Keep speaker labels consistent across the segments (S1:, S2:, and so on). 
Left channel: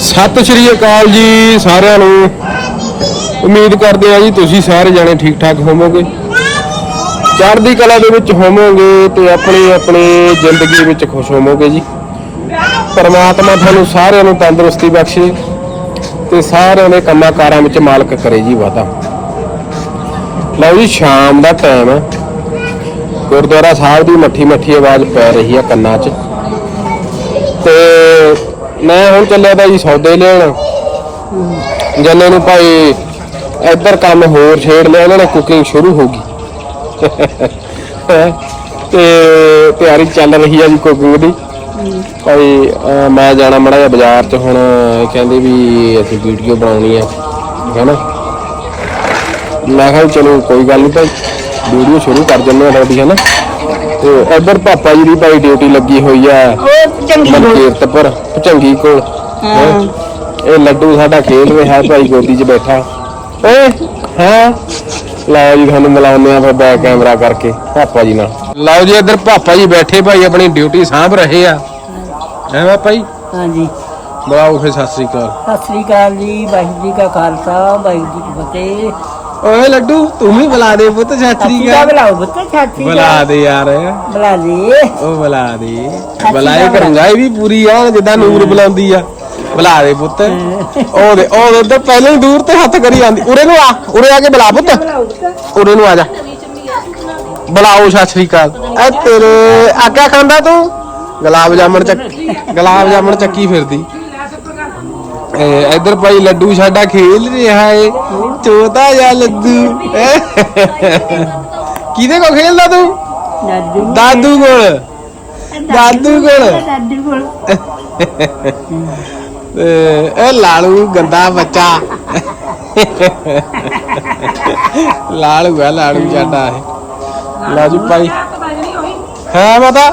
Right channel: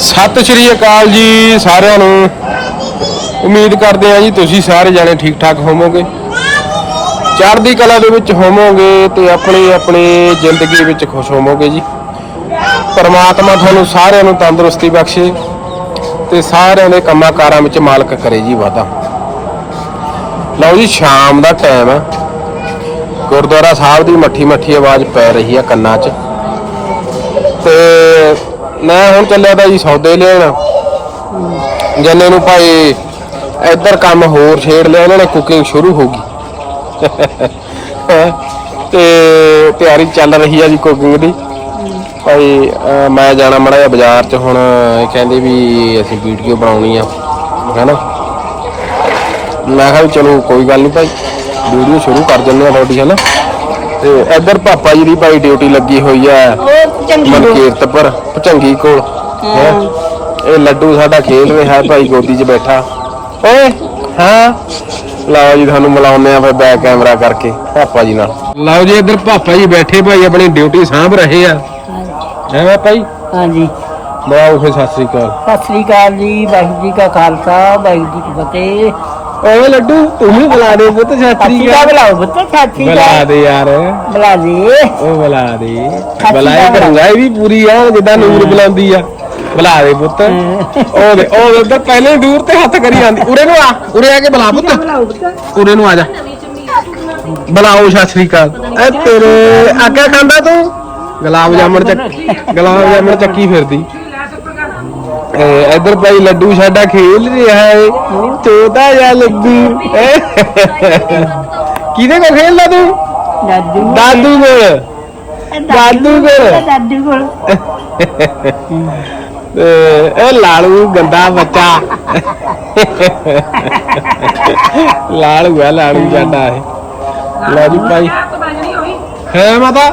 S1: ਸਤਿ ਸ਼੍ਰੀ ਅਕਾਲ ਜੀ ਸਾਰਿਆਂ ਨੂੰ। ਉਮੀਦ ਕਰਦੇ ਆ ਜੀ ਤੁਸੀਂ ਸਾਰੇ ਜਾਣੇ ਠੀਕ ਠਾਕ ਹੋਵੋਗੇ। ਚੜ੍ਹਦੀ ਕਲਾ ਦੇ ਵਿੱਚ ਹੋਵੋਗੇ ਤੇ ਆਪਣੀ ਆਪਣੀ ਜ਼ਿੰਦਗੀ ਵਿੱਚ ਖੁਸ਼ ਹੋਵੋਗੇ ਜੀ। ਪਰਮਾਤਮਾ ਤੁਹਾਨੂੰ ਸਾਰਿਆਂ ਨੂੰ ਤੰਦਰੁਸਤੀ ਬਖਸ਼ੇ ਤੇ ਸਾਰਿਆਂ ਦੇ ਕੰਮਾਂ ਕਾਰਾਂ ਵਿੱਚ ਮਾਲਕ ਕਰੇ ਜੀ ਵਾਦਾ ਲਓ ਜੀ, ਸ਼ਾਮ ਦਾ ਟਾਈਮ ਆ। ਗੁਰਦੁਆਰਾ ਸਾਹਿਬ ਦੀ ਮੱਠੀ ਮੱਠੀ ਆਵਾਜ਼ ਪੈ ਰਹੀ ਆ ਕੰਨਾਂ 'ਚ। ਤੇ ਮੈਂ ਹੁਣ ਚੱਲਿਆ ਤਾਂ ਜੀ ਸੌਦੇ ਲੈਣ। ਜੰਨੇ ਨੂੰ ਭਾਈ ਇੱਧਰ ਕੰਮ ਹੋਰ ਛੇੜ ਲਿਆ, ਇਹਨਾਂ ਨੇ ਕੁਕਿੰਗ ਸ਼ੁਰੂ ਹੋ ਗਈ। ਤੇ ਤਿਆਰੀ ਚੱਲ ਰਹੀ ਆ ਜੀ ਕੁਕਿੰਗ ਦੀ। ਭਾਈ ਮੈਂ ਜਾਣਾ ਮੜਾ ਜਿਹਾ ਬਾਜ਼ਾਰ 'ਚ ਹੁਣ, ਇਹ ਕਹਿੰਦੇ ਵੀ ਅਸੀਂ ਵੀਡੀਓ ਬਣਾਉਣੀ ਆ, ਹਨਾ? ਮੈਂ ਕਿਹਾ ਵੀ ਚਲੋ ਕੋਈ ਗੱਲ ਨਹੀਂ ਭਾਈ ਵੀਡੀਓ ਸ਼ੁਰੂ ਕਰ ਦਿੰਦੇ ਆ ਤੁਹਾਡੀ, ਹਨਾ? ਤੇ ਇੱਧਰ ਪਾਪਾ ਜੀ ਦੀ ਭਾਈ ਡਿਊਟੀ ਲੱਗੀ ਹੋਈ ਆ। ਮਨਕੀਰਤ ਪਰ ਭਚੰਗੀ ਕੋਲ। ਹੈਂ। ਇਹ ਲੱਡੂ ਸਾਡਾ ਖੇਲ ਰਿਹਾ ਹੈ ਭਾਈ ਗੋਦੀ 'ਚ ਬੈਠਾ। ਓਏ ਹਾਂ? ਲਓ ਜੀ ਤੁਹਾਨੂੰ ਮਿਲਾਉਂਦੇ ਆ ਫਿਰ ਬੈਕ ਕੈਮਰਾ ਕਰਕੇ ਪਾਪਾ ਜੀ ਨਾਲ। ਲਓ ਜੀ ਇੱਧਰ ਪਾਪਾ ਜੀ ਬੈਠੇ ਭਾਈ ਆਪਣੀ ਡਿਊਟੀ ਸਾਂਭ ਰਹੇ ਆ। ਹੈ ਪਾਪਾ ਜੀ?
S2: ਹਾਂਜੀ।
S1: ਬੁਲਾਓ ਫਿਰ ਸਤਿ ਸ੍ਰੀ ਅਕਾਲ।
S2: ਸਤਿ ਸ੍ਰੀ ਅਕਾਲ ਜੀ ਵਾਹਿਗੁਰੂ ਜੀ ਕਾ ਖਾਲਸਾ ਵਾਹਿਗੁਰੂ ਜੀ ਕੀ ਫਤਿਹ।
S1: ਓਏ ਲੱਡੂ ਤੂੰ ਵੀ ਬੁਲਾ ਦੇ ਪੁੱਤ ਸਤਿ
S2: ਕਾ ਬੁਲਾਓ ਬੱਤੇ ਸਤਿ
S1: ਬੁਲਾ ਦੇ ਯਾਰ।
S2: ਬੁਲਾ ਦੇ।
S1: ਉਹ ਬੁਲਾ ਦੇ। ਬੁਲਾਏ ਕਰੂੰਗਾ ਇਹ ਵੀ ਪੂਰੀ ਆ ਜਿੱਦਾਂ ਨੂਰ ਬੁਲਾਉਂਦੀ ਆ। ਬੁਲਾ ਦੇ ਪੁੱਤ। ਉਹ ਦੇ ਉਹ ਉਧਰ ਪਹਿਲਾਂ ਹੀ ਦੂਰ ਤੇ ਹੱਥ ਕਰੀ ਜਾਂਦੀ। ਉਰੇ ਨੂੰ ਆ ਉਰੇ ਆ ਕੇ ਬੁਲਾ ਪੁੱਤ। ਉਰੇ ਨੂੰ ਆ ਜਾ। ਬੁਲਾਓ ਸਤਿ ਸ੍ਰੀ ਅਕਾਲ। ਐ ਤੇਰੇ ਆਗਾ ਖਾਂਦਾ ਤੂੰ? ਗੁਲਾਬ ਜਾਮਣ ਚੱਕ ਗੁਲਾਬ ਜਾਮਣ ਚੱਕੀ ਫਿਰਦੀ। ਇਧਰ ਭਾਈ ਲੱਡੂ ਸਾਡਾ ਖੇਲ ਰਿਹਾ ਏ ਚੋਦਾ ਜਾਂ ਲੱਡੂ। ਕਿਹਦੇ ਕੋ ਖੇਲਦਾ ਤੂੰ?
S2: ਦਾਦੂ
S1: ਦਾਦੂ ਕੋਲ। ਦਾਦੂ ਕੋਲ
S2: ਦਾਦੂ ਕੋਲ।
S1: ਲਾਲੂ ਗੰਦਾ ਬੱਚਾ। ਲਾਲੂ ਆ ਲਾਲੂ ਸਾਡਾ ਇਹ। ਲਾ ਜੀ ਭਾਈ। ਹੈ ਮਾਤਾ?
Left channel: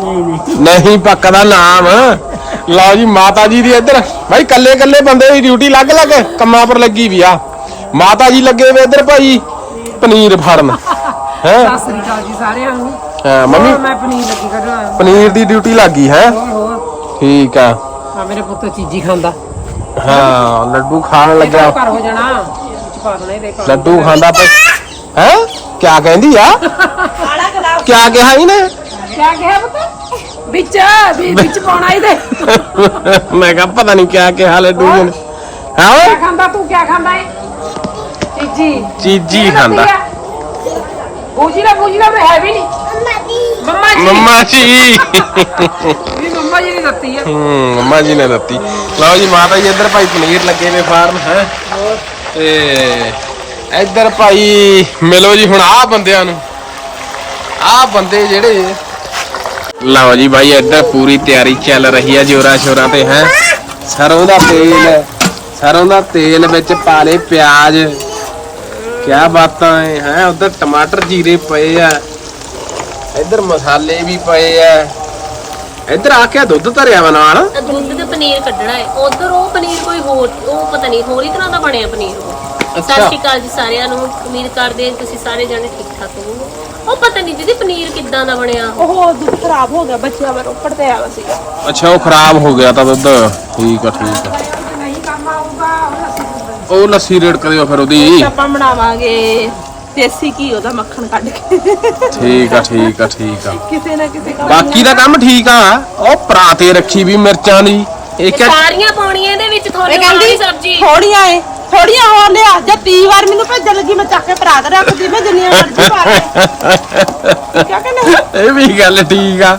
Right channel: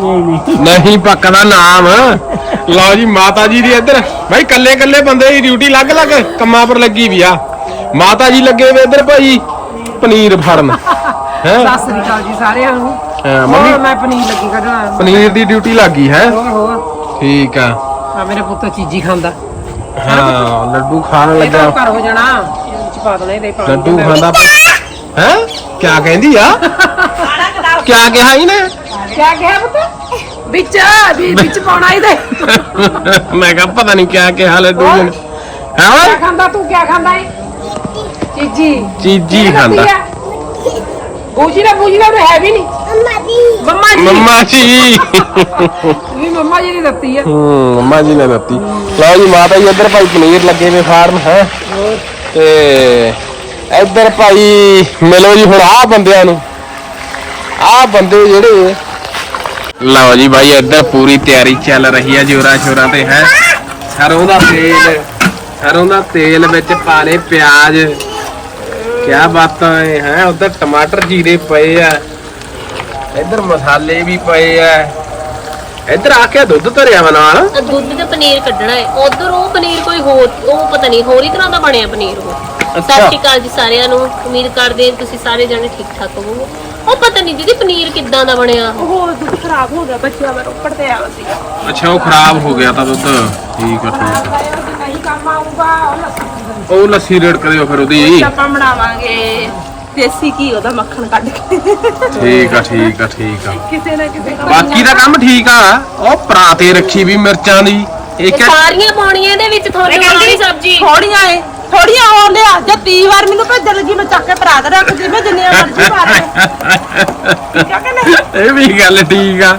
S2: ਨਹੀਂ ਨਹੀਂ।
S1: ਨਹੀਂ ਪੱਕਦਾ ਨਾਮ। ਲਓ ਜੀ ਮਾਤਾ ਜੀ ਦੀ ਇੱਧਰ। ਭਾਈ ਕੱਲੇ ਕੱਲੇ ਬੰਦੇ ਦੀ ਡਿਊਟੀ ਲੱਗ ਲੱਗ ਕੰਮਾਂ ਪਰ ਲੱਗੀ ਵੀ ਆ। ਮਾਤਾ ਜੀ ਲੱਗੇ ਵੇ ਇੱਧਰ ਭਾਈ ਪਨੀਰ ਫੜਨ। ਹੈ?
S3: ਸਤਿ ਸ੍ਰੀ ਅਕਾਲ ਜੀ ਸਾਰਿਆਂ ਨੂੰ।
S1: ਮੰਮੀ।
S3: ਹੋਰ ਮੈਂ ਪਨੀਰ ਲੱਗੀ ਕੱਢਣਾ।
S1: ਪਨੀਰ ਦੀ ਡਿਊਟੀ ਲੱਗੀ ਹੈ?
S3: ਹੋਰ ਹੋਰ।
S1: ਠੀਕ ਆ।
S3: ਆ ਮੇਰੇ ਪੁੱਤ ਚੀਜ਼ੀ ਖਾਂਦਾ।
S1: ਹਾਂ ਲੱਡੂ ਖਾਣ ਲੱਗਾ।
S3: ਘਰ ਹੋ ਜਾਣਾ। ਇਹ ਚ ਪਾ ਦੇਣਾ ਇਹਦੇ ਪਾਣੀ
S1: ਲੱਡੂ ਖਾਂਦਾ ਪਈ ਹੈ? ਕਿਆ ਕਹਿੰਦੀ ਆ? ਕਿਆ ਕਿਹਾ ਇਹਨੇ?
S3: ਕਿਆ ਕਿਹਾ ਪੁੱਤ? ਵਿੱਚ ਵੀ ਵਿੱਚ ਪਾਉਣਾ ਇਹਦੇ।
S1: ਮੈਂ ਕਿਹਾ ਪਤਾ ਨਹੀਂ ਕਿਆ ਕਿਹਾ ਲੱਡੂ ਜੀ ਨੇ ਹਾਂ
S3: ਕਿਆ
S1: ਓਏ
S3: ਖਾਂਦਾ ਤੂੰ ਕਿਆ ਖਾਂਦਾ ਏ? ਚੀਜੀ।
S1: ਚੀਜੀ ਖਾਂਦਾ।
S3: ਬੂਜੀ ਦਾ ਬੂਜੀ ਦਾ ਉਹ ਹੈ ਵੀ ਨਹੀਂ ਮੰਮਾ ਜੀ।
S1: ਮੰਮਾ ਜੀ।
S3: ਵੀ ਮੰਮਾ ਜੀ ਨੇ ਦਿੱਤੀ ਆ।
S1: ਹੂੰ ਮੰਮਾ ਜੀ ਨੇ ਦਿੱਤੀ। ਲਓ ਜੀ ਮਾਤਾ ਜੀ ਇੱਧਰ ਭਾਈ ਪਨੀਰ ਲੱਗੇ ਵੇ ਫਾਰਮ ਹੈ? ਤੇ ਇੱਧਰ ਭਾਈ ਮਿਲੋ ਜੀ ਹੁਣ ਆਹ ਬੰਦਿਆਂ ਨੂੰ। ਆਹ ਬੰਦੇ ਜਿਹੜੇ ਲਓ ਜੀ ਭਾਈ ਇੱਧਰ ਪੂਰੀ ਤਿਆਰੀ ਚੱਲ ਰਹੀ ਹੈ ਜੋਰਾਂ ਸ਼ੋਰਾਂ ਤੇ ਹੈ? ਸਰੋਂ ਦਾ ਤੇਲ ਸਰੋਂ ਦਾ ਤੇਲ ਵਿੱਚ ਪਾ ਲਏ ਪਿਆਜ਼। ਕਿਆ ਬਾਤਾਂ ਹੈ ਹੈ? ਉਧਰ ਟਮਾਟਰ ਜੀਰੇ ਪਏ ਆ। ਇੱਧਰ ਮਸਾਲੇ ਵੀ ਪਏ ਆ। ਇੱਧਰ ਆ ਕੇ ਦੁੱਧ ਧਰਿਆ ਵਾ ਨਾਲ?
S4: ਦੁੱਧ ਤੇ ਪਨੀਰ ਕੱਢਣਾ ਹੈ ਉਧਰ ਉਹ ਪਨੀਰ ਕੋਈ ਹੋਰ ਉਹ ਪਤਾ ਨਹੀਂ ਹੋਰ ਹੀ ਤਰ੍ਹਾਂ ਦਾ ਬਣਿਆ ਪਨੀਰ ਉਹ। ਸਤਿ। ਸ਼੍ਰੀ ਅਕਾਲ ਜੀ ਸਾਰਿਆਂ ਨੂੰ। ਉਮੀਦ ਕਰਦੇ ਹਾਂ ਤੁਸੀਂ ਸਾਰੇ ਜਣੇ ਠੀਕ ਠਾਕ ਹੋਵੋਗੇ। ਉਹ ਪਤਾ ਨਹੀਂ ਦੀਦੀ ਪਨੀਰ ਕਿੱਦਾਂ ਦਾ ਬਣਿਆ।
S3: ਉਹ ਦੁੱਧ ਖਰਾਬ ਹੋ ਗਿਆ ਬੱਚਿਆਂ ਦਾ ਰੋਪੜ ਤੇ ਆਇਆ ਸੀ
S1: ਅੱਛਾ ਉਹ ਖਰਾਬ ਹੋ ਗਿਆ ਤਾਂ ਦੁੱਧ। ਠੀਕ ਆ ਠੀਕ ਆ। ਉਹ ਲੱਸੀ ਰੇਡ ਕਰਿਓ ਫਿਰ ਉਹਦੀ।
S3: ਆਪਾਂ ਬਣਾਵਾਂਗੇ ਦੇਸੀ ਘੀ ਉਹਦਾ ਮੱਖਣ ਕੱਢ ਕੇ।
S1: ਠੀਕ ਆ ਠੀਕ ਆ ਠੀਕ ਆ।
S3: ਕਿਸੇ ਨਾ ਕਿਸੇ ਕੋਲ
S1: ਬਾਕੀ ਦਾ ਕੰਮ ਠੀਕ ਆ। ਉਹ ਪਰਾਤੇ ਰੱਖੀ ਵੀ ਮਿਰਚਾਂ ਦੀ। ਇੱਕ
S4: ਇਹ ਸਾਰੀਆਂ ਪਾਉਣੀਆਂ ਇਹਦੇ ਵਿੱਚ ਤੁਹਾਨੂੰ ਸਾਰੀ ਸਬਜ਼ੀ।
S3: ਥੋੜੀਆਂ ਏ। ਥੋੜੀਆਂ ਹੋ ਲਿਆ ਜੇ 30 ਵਾਰ ਮੈਨੂੰ ਭੇਜਣ ਲੱਗੀ ਮੈਂ ਚੱਕ ਕੇ ਭਰਾ ਦੇ ਰੱਖਦੀ ਮੈਂ ਜਿੰਨੀਆਂ ਮਰਜ਼ੀ ਪਾ ਲੈ ਕਿਆ ਕਹਿੰਦੇ
S1: ਇਹ ਵੀ ਗੱਲ ਠੀਕ ਆ।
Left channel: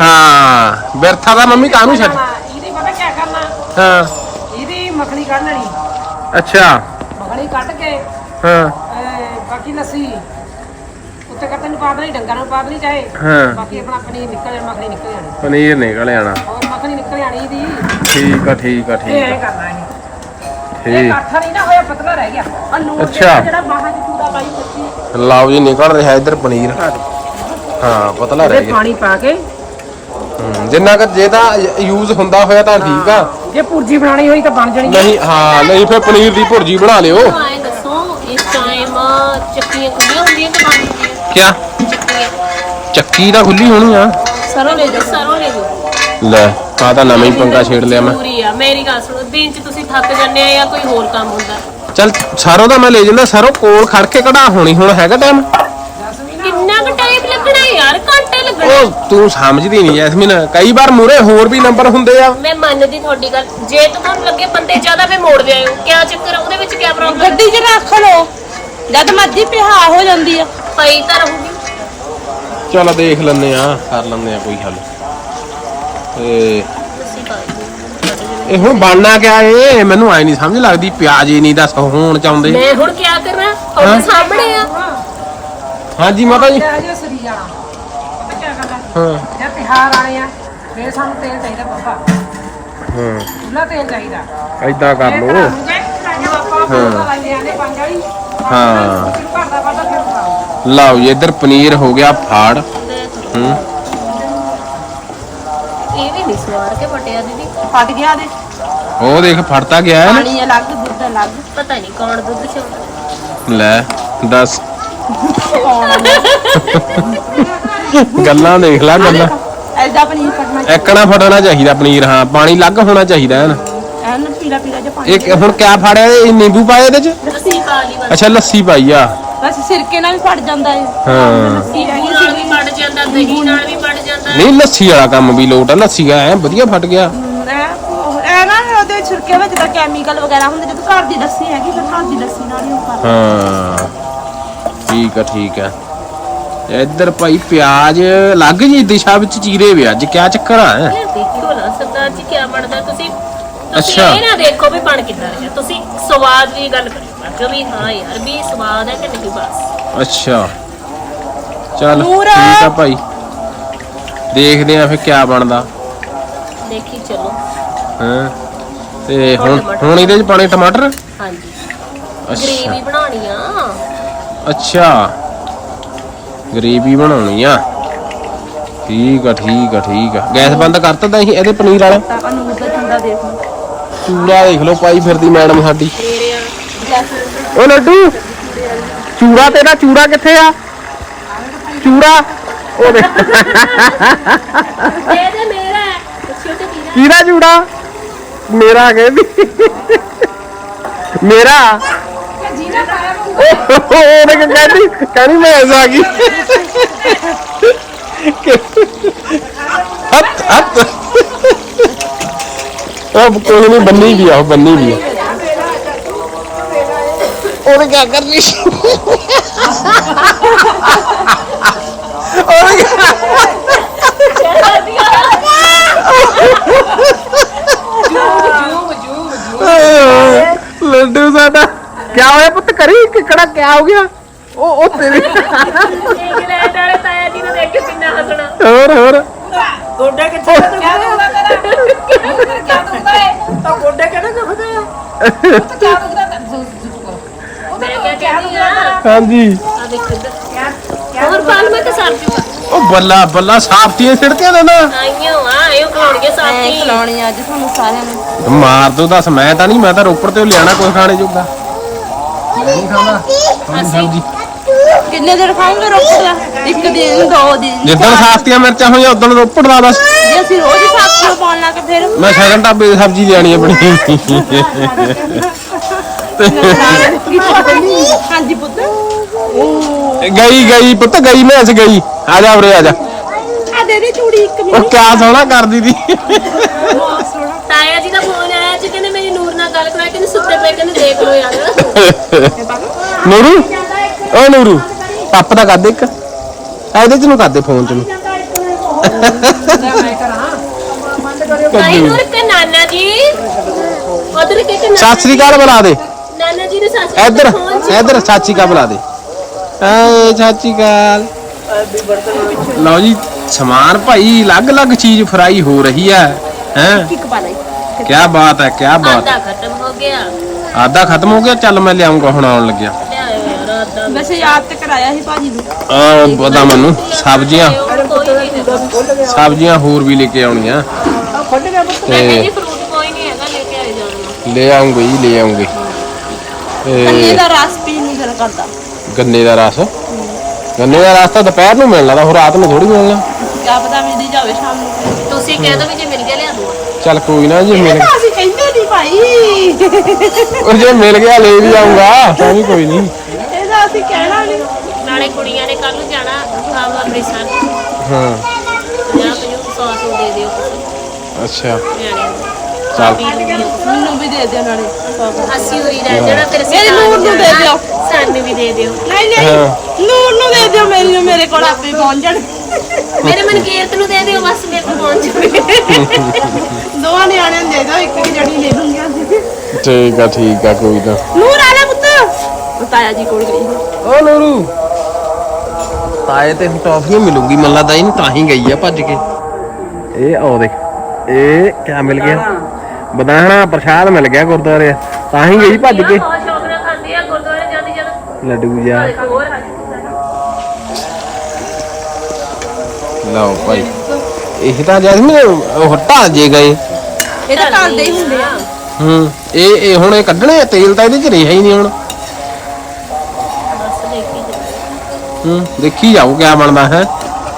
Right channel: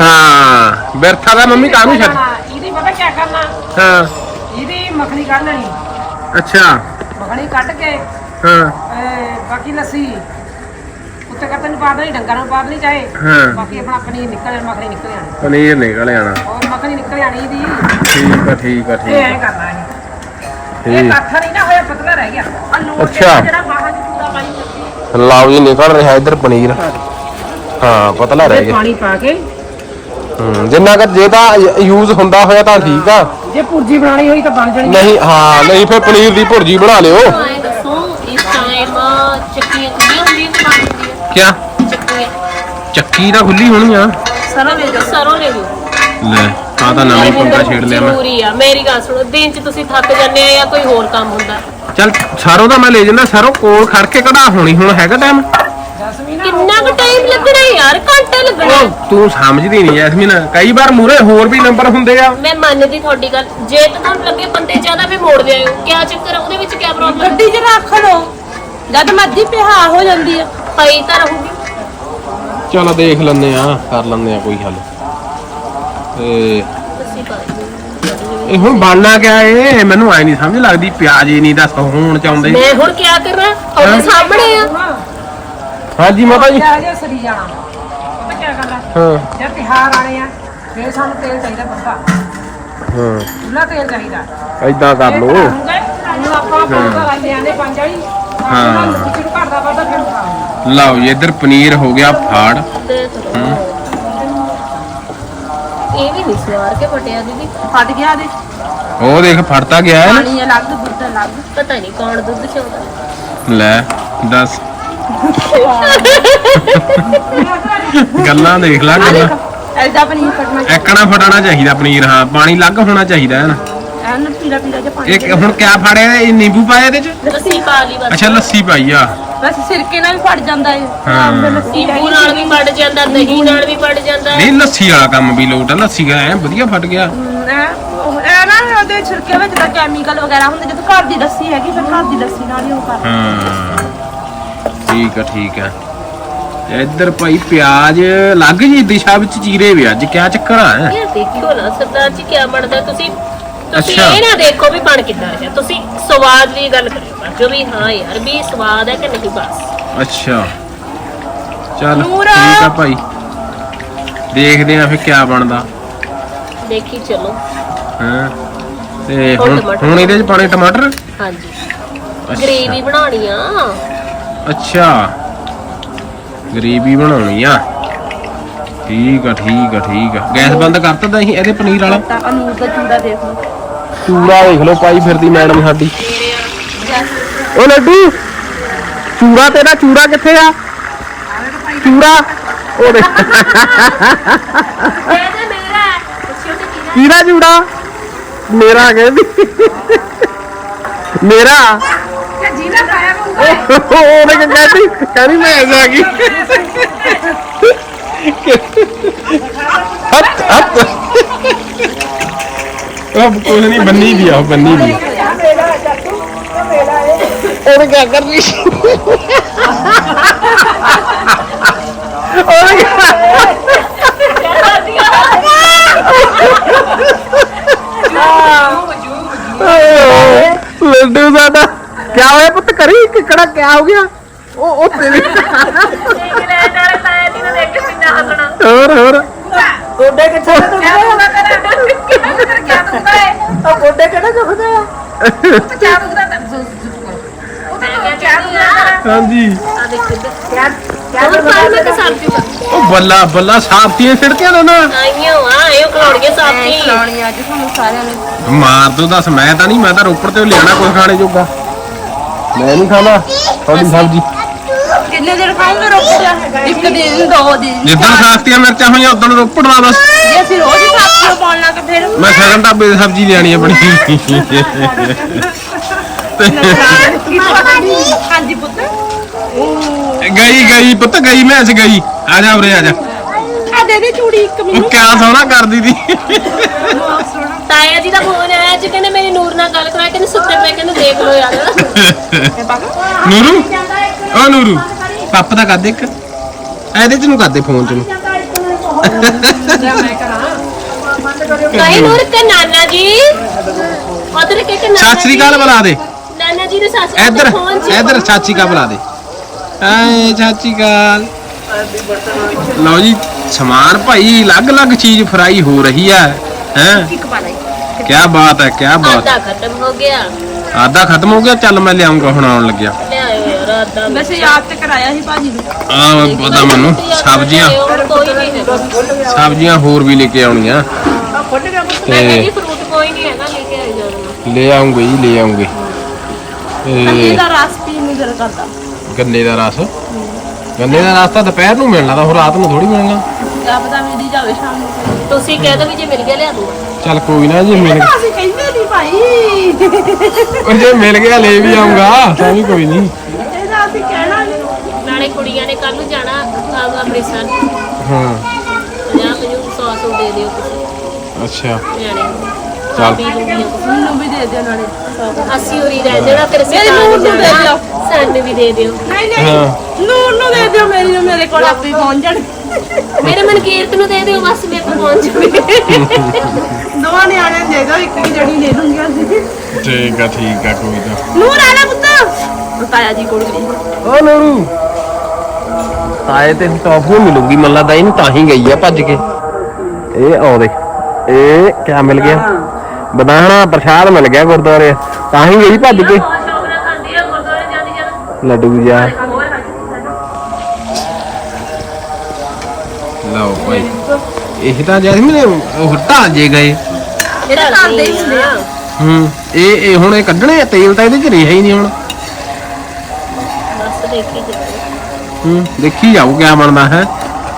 S1: ਹਾਂ ਬਿਰਥਾ ਦਾ ਮੰਮੀ ਕਾਹਨੂੰ ਛੱਡ।
S3: ਇਹਦੀ ਪਤਾ ਕੀ ਕਰਨਾ?
S1: ਹਾਂ।
S3: ਇਹਦੀ ਮੱਖਣੀ ਕੱਢ ਲੈਣੀ।
S1: ਅੱਛਾ।
S3: ਮੱਖਣੀ ਕੱਢ ਕੇ
S1: ਹਾਂ।
S3: ਬਾਕੀ ਲੱਸੀ। ਉੱਤੇ ਕੱਟਣ ਨੂੰ ਪਾ ਦੇਣੀ ਡੰਗਰਾਂ ਨੂੰ ਪਾ ਦੇਣੀ ਚਾਹੇ।
S1: ਹਾਂ।
S3: ਬਾਕੀ ਆਪਣਾ ਪਨੀਰ ਨਿਕਲ ਜਾਣਾ ਮੱਖਣੀ ਨਿਕਲ ਜਾਣੀ।
S1: ਪਨੀਰ ਨਿਕਲ ਜਾਣਾ।
S3: ਔਰ ਮੱਖਣੀ ਨਿਕਲ ਜਾਣੀ ਇਹਦੀ।
S1: ਠੀਕ ਆ ਠੀਕ ਆ
S3: ਇਹ
S1: ਠੀਕ
S3: ਐਂ
S1: ਆ
S3: ਕਰਨਾ ਇਹ ਇਹ
S1: ਠੀਕ।
S3: ਕੱਠਾ ਨਹੀਂ ਨਾ ਹੋਇਆ ਪਤਲਾ ਰਹਿ ਗਿਆ।
S1: ਅੱਛਾ।
S3: ਜਿਹੜਾ ਬਾਹਾਂ 'ਚ ਪੂਰਾ ਪਾਣੀ
S1: ਲਓ ਜੀ ਨਿਕਲ ਰਿਹਾ ਇੱਧਰ ਪਨੀਰ। ਹਾਂ ਪਤਲਾ ਰਹਿ
S3: ਇਹ
S1: ਗਿਆ।
S3: ਪਾਣੀ ਪਾ ਕੇ।
S1: ਹੂੰ, ਜਿੰਨਾ ਕਰ ਜੇ ਤਾਂ ਯੂਜ਼ ਹੁੰਦਾ ਹੋਇਆ ਤਾਂ ਠੀਕ ਆ।
S3: ਜੇ ਪੁਰਜੀ ਬਣਾਣੀ ਹੋਈ ਤਾਂ ਬਣ ਜਾਣੀ।
S1: ਨਹੀਂ ਹਾਂ ਨਹੀਂ ਫਿਰ ਪਨੀਰ ਦੀ ਭੁਰਜੀ ਬਣਾ ਲਿਓ।
S4: ਆਏ ਦੱਸੋ ਇਸ ਟਾਈਮ ਚੱਕੀਆਂ ਖੁੱਲੀਆਂ ਹੁੰਦੀਆਂ ਕਿ ਬੰਦ ਹੁੰਦੀਆਂ?
S1: ਕਿਆ?
S4: ਚੱਕੀਆਂ।
S1: ਚੱਕੀ ਤਾਂ ਖੁੱਲੀ ਹੋਣੀ ਆ।
S4: ਸਰੋਂ ਲੈ ਜਾਓ ਸਰੋਂ ਲੈ ਜਾਓ
S1: ਲੈ। ਆ ਤਾਂ ਨਵਾਂ ਹੀ ਪੰਗਾ ਛੇੜ ਲਿਆ ਮੈਂ।
S4: ਜ਼ਰੂਰੀ ਆ ਮੇਰੀ ਗੱਲ ਸੁਣੋ ਦਿਨ ਚ ਤੁਸੀਂ ਥੱਕ ਜਾਂਦੇ ਆ ਜਾਂ ਕੋਈ ਹੋਰ ਕੰਮ ਹੁੰਦਾ?
S1: ਚੱਲ ਸਰੋਂ ਦਾ ਮੈਂ ਲੈ ਜਾਂਦਾ ਸਰੋਂ ਕੋਲ ਖੜ ਕੇ ਕਢਾ ਹੋਣੀ ਹੁਣ ਹੈਗਾ ਟਾਈਮ
S4: ਕਿੰਨਾ ਕੁ ਟਾਈਮ ਲੱਗਣਾ ਯਾਰ ਘੰਟੇ ਲੱਗਣਾ।
S1: ਉਹ ਤੂੰ ਸਮਝਦੀ ਨਹੀਂ ਜੈਸਮੀਨ ਕਈ ਵਾਰ ਮੂਰੇ ਹੋਰ ਵੀ ਨੰਬਰ ਹੁੰਦੇ ਆ।
S4: ਮੈਂ ਮੰਨਦੀ ਤੁਹਾਡੀ ਗੱਲ ਜੇ ਤਾਂ ਤੁਹਾਨੂੰ ਲੱਗੇ ਬੰਦੇ ਜ਼ਿਆਦਾ ਫੇ ਮੋੜ ਲਿਆਇਓ ਕਿਆ ਚੱਕਰ ਆ? ਉਹਦੇ ਵਿੱਚ ਕਿਆ ਪ੍ਰੋਬਲਮ ਹੈ
S3: ਗੱਡੀ 'ਚ ਰੱਖ ਲਓ ਜਦ ਮਰਜ਼ੀ ਪਿਹਾ ਹੋ ਜਾਂਦੀ ਆ।
S4: ਪਈ ਤਾਂ ਰਹੂਗੀ।
S1: ਚਲ ਦੇਖ ਲੈਂਦੇ ਆ ਕਰ ਲੈਂਦੇ ਆ ਕੋਈ ਹੱਲ।
S4: ਪਾਈ
S1: ਇਹ ਹੁਣ ਬਣਨਾ ਕਿਆ ਏ? ਮੈਨੂੰ ਐ ਨਹੀਂ ਸਮਝ ਲੱਗਦੀ ਪਿਆਜ ਹੀ ਨਹੀਂ ਦੱਸ ਹੋਣ ਚਾਹੁੰਦੇ।
S4: ਮੈਂ ਹੁਣ ਕਿਆ ਕਰਨਾ ਤੁਹਾਡੇ ਸਾਹਮਣੇ ਆ।
S1: ਹਾਂਜੀ ਮਾਤਾ ਜੀ।
S2: ਜਾ ਸਰੀ ਜਾਣਾ ਪਤਾ ਕੀ ਗੱਲ ਹੈ
S1: ਹਾਂ।
S2: ਜੇ ਤਿਹਾਰ ਆਣੇ ਆ ਫੇਰ ਸਾਨੂੰ ਤੇਲ ਚਾਹੀਦਾ ਬੰਦਾ
S1: ਹਾਂ।
S2: ਖੁੱਲਾ ਤੇਲ ਚਾਹੀਦਾ।
S1: ਐਦਾਂ ਕਰ ਲੋ ਹਾਂ।
S2: ਕਿਉਂ ਘਰ ਦਾ ਪਤਾ ਫਿਰ ਖਾਓ
S1: ਲਓ ਜੀ ਇੱਧਰ ਪਨੀਰ ਹੋ ਗਿਆ ਫਾੜ।
S4: ਇਹ ਵੀ ਨਹੀਂ ਸਵਾਰ ਕੇ ਫਟਿਆ ਦੀਦੀ।
S3: ਫਟ ਗਿਆ ਦੇ
S1: ਉਹ ਦੇਖ ਫੜਤਾ ਗਿਆ ਹੈ ਨਾ।
S3: ਪਾਣੀ ਅਲੱਗ ਦੁੱਧ ਅਲੱਗ।
S4: ਪਤਾ ਨਹੀਂ ਕੌਣ ਦੁੱਧ ਚੋਦਾ।
S1: ਲੈ ਦੱਸ। ਗੱਲਾਂ ਦੇਖ ਲੈ ਗੱਲਾਂ।
S3: ਐਦਾਂ ਪਨੀਰ ਕੱਢਣਾ
S1: ਐਕਣਾ ਫਟਣਾ ਚਾਹੀਦਾ ਪਨੀਰ ਹਾਂ ਪਾਣੀ ਲੱਗ ਹੋਣਾ ਚਾਹੀਦਾ ਹੈ ਨਾ।
S3: ਐਨ ਪੀਲਾ ਪੀਲਾ ਜਿਹਾ ਪਾਣੀ
S1: ਇਹ ਹੁਣ ਕਿਆ ਫੜਿਆ ਇਹ ਨਿੰਬੂ ਪਾਇਆ ਇਹਦੇ ਚ?
S4: ਲੱਸੀ ਪਾ ਲਈ ਬਸ।
S1: ਅੱਛਾ ਲੱਸੀ ਪਾਈ ਆ।
S3: ਵੈਸੇ ਸਿਰਕੇ ਨਾਲ ਵੀ ਫਟ ਜਾਂਦਾ ਹੈ।
S1: ਹਾਂ
S3: ਲੱਸੀ
S4: ਨਿੰਬੂ ਨਾਲ ਵੀ ਪੜ ਜਾਂਦਾ ਦਹੀਂ ਨਾਲ ਵੀ ਪੜ ਜਾਂਦਾ।
S1: ਨਹੀਂ ਲੱਸੀ ਵਾਲਾ ਕੰਮ ਵੀ ਲੋਟ ਆ ਲੱਸੀ ਦਾ ਐ ਵਧੀਆ ਫਟ ਗਿਆ।
S3: ਐ ਨਾ ਉਹਦੇ ਛਿਲਕੇ ਵਿੱਚ ਤਾਂ ਕੈਮੀਕਲ ਵਗੈਰਾ ਹੁੰਦੇ ਜਦੋਂ ਘਰ ਦੀ ਲੱਸੀ ਹੈਗੀ ਫਿਰ ਘਰ ਦੀ ਲੱਸੀ ਨਾਲ ਹੀ ਉਹ ਕਰ
S1: ਹਾਂ ਠੀਕ ਆ ਠੀਕ ਆ। ਇੱਧਰ ਭਾਈ ਪਿਆਜ਼ ਲੱਗ ਜੀ ਦਿਸ਼ਾ ਵਿੱਚ ਚੀਰੇ ਵੇ ਅੱਜ ਕਿਆ ਚੱਕਰ ਆ
S4: ਦੇਖਿਓ ਨਾ ਸਰਦਾਰ ਜੀ ਕੀ ਬਣਦਾ ਤੁਸੀਂ ਤੁਸੀਂ
S1: ਅੱਛਾ।
S4: ਇਹ ਨਾ ਦੇਖੋ ਵੀ ਬਣ ਕਿੱਦਾਂ ਰਿਹਾ। ਤੁਸੀਂ ਸਵਾਦ ਦੀ ਗੱਲ ਕਰਿਓ ਬਸ ਵੀ ਹਾਂ ਯਾਰ ਵੀ ਸਵਾਦ ਹੈ ਕਿ ਨਹੀਂ ਬਸ।
S1: ਅੱਛਾ। ਚੱਲ। ਠੀਕ ਆ ਭਾਈ। ਦੇਖਦੇ ਆ ਫਿਰ ਕਿਆ ਬਣਦਾ।
S4: ਦੇਖੀ ਚਲੋ।
S1: ਹਾਂ? ਤੇ
S4: ਹੁਣ
S1: ਹੁਣ
S4: ਟਮਾਟਰ।
S1: ਹੁਣ ਇਹਦੇ ਚ ਪਾਣੇ ਟਮਾਟਰ?
S4: ਹਾਂਜੀ। ਗ੍ਰੇਵੀ ਬਣਾਉਣੀ ਆ।
S1: ਅੱਛਾ। ਗਰੇਵੀ ਬਣਾਉਣੀ ਆ। ਠੀਕ ਆ ਠੀਕ ਆ ਠੀਕ ਆ। ਗੈਸ ਬੰਦ ਕਰਤਾ ਤਾਂ ਅਸੀਂ ਇਹਦੇ ਪਨੀਰ ਵਾਲਾ?
S3: ਤਾਂ ਅਨੂਰ ਦਾ ਚੂੜਾ ਦੇਖ ਲਓ।
S1: ਚੂੜਾ ਦੇਖ ਲਓ ਪਾਈ ਫਿਰਦੀ ਮੈਡਮ ਸਾਡੀ। ਓ ਲੱਡੂ, ਚੂੜਾ ਤੇਰਾ ਚੂੜਾ ਕਿੱਥੇ ਆ? ਚੂੜਾ ਉਹ ਦੇਖ।
S4: ਇਹ ਤੇ ਮੇਰਾ ਹੈ ਪੁੱਛਿਓ ਤੇ ਕੀ
S1: ਕਿਹਦਾ ਚੂੜਾ ਮੇਰਾ? ਕਹਿੰਦੀ ਮੇਰਾ
S2: ਜੀਨਾ ਪਾਇਆ
S1: ਉਹਨੇ ਕਿ ਕਹਿੰਦੀ ਕਹਿੰਦੀ ਮੈਂ ਐਸਾ ਆ ਗਈ। ਹੱਥ ਹੱਥ। ਉਹ ਕੋਈ ਨਹੀਂ ਬੰਨੀ ਵੀ ਆ ਉਹ ਬੰਨੀ ਵੀ ਆ। ਉਹਨੇ ਕੀ ਕਰ ਰਹੀ ਸੀ? ਉਹਨੇ ਕਿਆ- ਲੱਡੂ ਸਾਡਾ। ਕੀ ਹੋਇਆ ਪੁੱਤ ਕਰੀ ਕਿਕੜਾ ਕੀ ਹੋ ਗਿਆ? ਉਹ ਉਹ ਤੇਰੀ
S4: ਦੇਖ ਲੈ ਤੇਰੇ ਤਾਇਆ ਜੀ ਨੇ ਦੇਖ ਕੇ ਕਿੰਨਾ ਹੱਸਣਾ
S1: ਹੋਰ ਹੋਰ
S3: ਗੋਡੇ ਕਿੱਥੇ
S2: ਕਿਆ ਦੁਖਦਾ ਤੇਰਾ ਕਿਆ ਦੁਖਦਾ ਹੈ
S3: ਉਹ ਗੋਡੇ ਕਿਹੜੇ ਦੁਖਦੇ ਆ?
S2: ਕਿਆ ਦੁਖਦਾ ਤੈਨੂੰ? ਉਹ ਤੇ ਕਿਆ ਦੁਖਦਾ ਤੇਰਾ?
S1: ਹਾਂਜੀ।
S4: ਆ ਦੇਖ ਇੱਧਰ
S2: ਕਿਆ
S4: ਹੋਰ ਪਾਲ ਮੈਂ ਤਾਂ ਸਰ ਜੂਗਾ।
S1: ਉਹ ਬੱਲਾ ਬੱਲਾ ਸਾਫਤੀਆਂ ਛਿੜਕੇ ਦੋ ਨਾ।
S4: ਆਈਓ ਆ ਇਹ ਖਲੋਣਗੇ ਸਾਥੀ
S3: ਖਿਲਾਉਣੀ ਅੱਜ ਤੁਹਾਨੂੰ ਸਾਰਿਆਂ ਨੂੰ।
S1: ਮਾਰ ਦੋ ਦੱਸ ਮੈਂ ਤਾਂ ਨਹੀਂ ਮੈਂ ਤਾਂ ਰੋਪੜ ਤੇ ਲਿਆਣਾ ਕੁਝ ਖਾਣੇ ਜੋਗਾ। ਮੈਂ ਨਹੀਂ ਖਾਣਾ। ਤੁਹਾਡੀ ਸਬਜ਼ੀ
S3: ਕਿੰਨੇ ਦਿਨ ਖਾਓਗੇ ਰੋਪੜ ਦਾ? ਇੱਕ ਦਿਨ ਦੋ ਦਿਨ।
S1: ਜਿੱਦਣ ਸਾਫਤੀਆਂ ਮਿਰਚਾਂ ਹੋਈਆਂ ਉਦੋਂ ਰੋਪੜ ਦਾ ਬਸ।
S3: ਜੇ ਅਸੀਂ ਰੋਜ਼ ਹੀ ਸਾਥੀਓ ਪਾਉਣ ਲੱਗ ਫਿਰ
S1: ਮੈਂ ਸ਼ਗਨ ਢਾਬੇ ਦੀ ਸਬਜ਼ੀ ਲਿਆਣੀ ਆਪਣੀ
S3: ਹਾਂਜੀ ਪੁੱਤ।
S1: ਗਈ ਗਈ ਪੁੱਤ ਗਈ ਮੈਂ ਅੱਜ ਗਈ। ਆ ਜਾ ਉਰੇ ਆ ਜਾ।
S3: ਆ ਦੇ ਦੇ ਚੂੜੀ ਇੱਕ
S1: ਉਹ
S3: ਮੈਨੂੰ।
S1: ਕਿਆ ਸੋਹਣਾ ਕਰਦੀ ਦੀ
S4: ਤਾਇਆ ਜੀ ਦਾ ਫੋਨ ਆਇਆ ਜੀ ਕਹਿੰਦੇ ਮੇਰੀ ਨੂਰ ਨਾਲ ਗੱਲ ਕਰਾ ਕਹਿੰਦੇ ਸੁੱਤੇ ਪਏ ਕਹਿੰਦੇ ਦੇਖ ਲਓ ਯਾਰ।
S1: ਨੂਰੂ? ਓ ਨੂਰੂ। ਪਾਪਾ ਦਾ ਕਰ ਦੇ ਇੱਕ? ਇਹਦੇ ਚ ਨੂੰ ਕਰ ਦੇ ਫੋਨ ਚ ਨੂੰ?
S4: ਨਹੀਂ ਨੂਰ ਕਾ ਨਾਨਾ ਜੀ। ਉਧਰ ਕਿ ਕਿ
S1: ਸਤਿ ਸ੍ਰੀ ਅਕਾਲ ਬੁਲਾ ਦੇ।
S4: ਨਾਨਾ ਜੀ ਦੇ ਸੱਸ
S1: ਇੱਧਰ ਇੱਧਰ ਚਾਚੀ ਕਾ ਬੁਲਾ ਦੇ। ਆਏ ਚਾਚੀ ਕਾਲ ਲਓ ਜੀ ਸਮਾਨ ਭਾਈ ਅਲੱਗ-ਅਲੱਗ ਚੀਜ਼ ਫਰਾਈ ਹੋ ਰਹੀ ਹੈ ਹੈ? ਕੀ ਬਾਤ ਹੈ ਕੀ ਬਾਤ
S4: ਆਧਾ ਖਤਮ ਹੋ ਗਿਆ।
S1: ਆਦਾ ਖਤਮ ਹੋ ਗਿਆ ਚੱਲ ਮੈਂ ਲਿਆਉਂਗਾ ਹੁਣ ਆਉਣ ਲੱਗਿਆ।
S4: ਲਿਆਇਓ ਯਾਰ ਆਧਾ
S3: ਵੈਸੇ ਯਾਦ ਤੇ ਕਰਾਇਆ ਸੀ ਭਾਜੀ ਨੂੰ।
S1: ਆ ਪਤਾ ਮੈਨੂੰ। ਸਬਜ਼ੀਆਂ।
S4: ਹੋਰ ਕੋਈ ਨਹੀਂ ਹੈਗਾ।
S1: ਸਬਜ਼ੀਆਂ ਹੋਰ ਵੀ ਲੈ ਕੇ ਆਉਣੀਆਂ।
S4: ਮੈਂ ਕਹਿੰਦੀ
S1: ਤੇ
S4: ਫਰੂਟ ਕੋਈ ਨਹੀਂ ਹੈਗਾ ਲੈ ਕੇ ਆਈ ਜਦ ਨੂੰ।
S1: ਲੈ ਆਉਂਗੇ ਜੀ ਲੈ ਆਉਂਗੇ। ਤੇ
S3: ਦਾ ਰਸ ਪੀਣ ਨੂੰ ਦਿਲ ਕਰਦਾ।
S1: ਗੰਨੇ ਦਾ ਰਸ? ਗੰਨੇ ਦਾ ਰਸ ਤਾਂ ਦੁਪਹਿਰ ਨੂੰ ਮਿਲਣਾ ਤਾਂ ਰਾਤ ਨੂੰ ਥੋੜੀ ਮਿਲਣਾ।
S3: ਕਿਆ ਪਤਾ ਮਿਲਦੀ ਜਾਵੇ ਸ਼ਾਮ ਨੂੰ ਕੋਈ।
S4: ਤੁਸੀਂ ਕਹਿ ਦੋ ਵੀ ਜੇ ਮਿਲ ਗਿਆ ਲਿਆ ਦੂੰਗਾ।
S1: ਚੱਲ ਕੋਈ ਨਾ ਜੇ ਮਿਲ
S3: ਅਸੀਂ ਕਹਿੰਦੇ ਨਹੀਂ ਭਾਈ।
S1: ਉਹ ਜੇ ਮਿਲ ਗਿਆ ਲੈ ਵੀ ਆਉਂਗਾ ਤਾਂ ਵੀ ਕੋਈ ਨਹੀਂ।
S3: ਇਹਦਾ ਅਸੀਂ ਕਹਿਣਾ ਨਹੀਂ
S4: ਨਾਲੇ ਕੁੜੀਆਂ ਨੇ ਕੱਲ ਨੂੰ ਜਾਣਾ ਆਮ ਅੰਮ੍ਰਿਤਸਰ।
S1: ਹਾਂ।
S4: 50 50 100 ਸੌ ਦੇ ਦਿਓ ਕੁਛ।
S1: ਅੱਛਾ।
S4: ਨਿਆਣਿਆਂ ਨੂੰ।
S1: ਚੱਲ।
S4: ਖਾ ਪੀ ਲੂੰਗੀ ਕੁਛ।
S3: ਮੈਨੂੰ ਵੀ ਦੇ ਦੇ ਨਾਲੇ।
S4: ਅਸੀਂ ਉਰੀ ਰਹਿ ਜਾਣਾ ਫਿਰ ਅਸੀਂ
S3: ਮੇਰੀ ਨੂਰ ਨੂੰ ਦੇ ਦਿਓ।
S4: ਸਾਨੂੰ ਵੀ ਦੇ ਦਿਓ।
S3: ਨਹੀਂ
S1: ਹਾਂ।
S3: ਨਹੀਂ ਨੂਰ ਨੂੰ ਦੇ ਦਿਓ ਮੇਰੀ ਨੂੰ ਮੇਰੇ ਕੋਲ ਆਪੇ ਪਹੁੰਚ ਜਾਣ।
S4: ਮੇਰੇ ਮਨਕੀਰਤ ਨੂੰ ਦੇ ਦਿਓ ਬਸ ਮੇਰੇ ਕੋਲ ਪਹੁੰਚ ਜਾਵੇ।
S3: ਦੋਵਾਂ ਨਿਆਣਿਆਂ ਨੂੰ ਦੇ ਦਿਓ ਇੱਕ ਇੱਕ ਜਣੀ ਲੈ ਲੂੰਗੀ ਅਸੀਂ।
S1: ਠੀਕ ਆ ਠੀਕ ਆ ਕੋਈ ਨਾ।
S3: ਨੂਰ ਆ ਲੈ ਪੁੱਤ ਤਾਇਆ ਜੀ ਕੋਲ ਗਈ।
S1: ਓ ਨੂਰੂ ਤਾਏ ਤੇ ਟੌਫੀਆਂ ਮਿਲੂਗੀ ਮੱਲਾ ਲੱਗਦਾ ਇਹਨੂੰ ਤਾਂ ਹੀ ਗਈ ਆ ਭੱਜ ਕੇ। ਇਹ ਆਓ ਦੇਖ ਇਹ ਕਿਆ ਮਿਲ ਗਿਆ? ਬਦਾਣਾ ਪ੍ਰਸ਼ਾਦ ਮਿਲ ਗਿਆ ਗੁਰਦੁਆਰੇ ਤਾਂ ਹੀ ਗਈ ਭੱਜ ਕੇ। ਲੱਡੂ ਜਾ। ਲਓ ਭਾਈ ਇਹ ਤਾਂ ਜੈਸਮੀਨ ਉਹ ਹਟਾ ਜੇ ਗਏ।
S3: ਇਹ ਤਾਂ ਖਾਂਦੇ ਹੀ ਹੁੰਦੇ ਆ।
S1: ਹੂੰ ਇਹ ਇਹ ਹੁਣ ਇਹ ਕੱਢਣੇ ਆ ਤੇਲ ਤਾਂ ਇਹਦੇ ਚ ਰਿਹਾ ਹੀ ਨਹੀਂ ਹੁਣ।
S4: ਦੇਖੀ ਜਾਓ
S1: ਹੂੰ ਦੇਖੀ ਜਾਓ ਕਿਆ ਬਣਦਾ ਹੈ।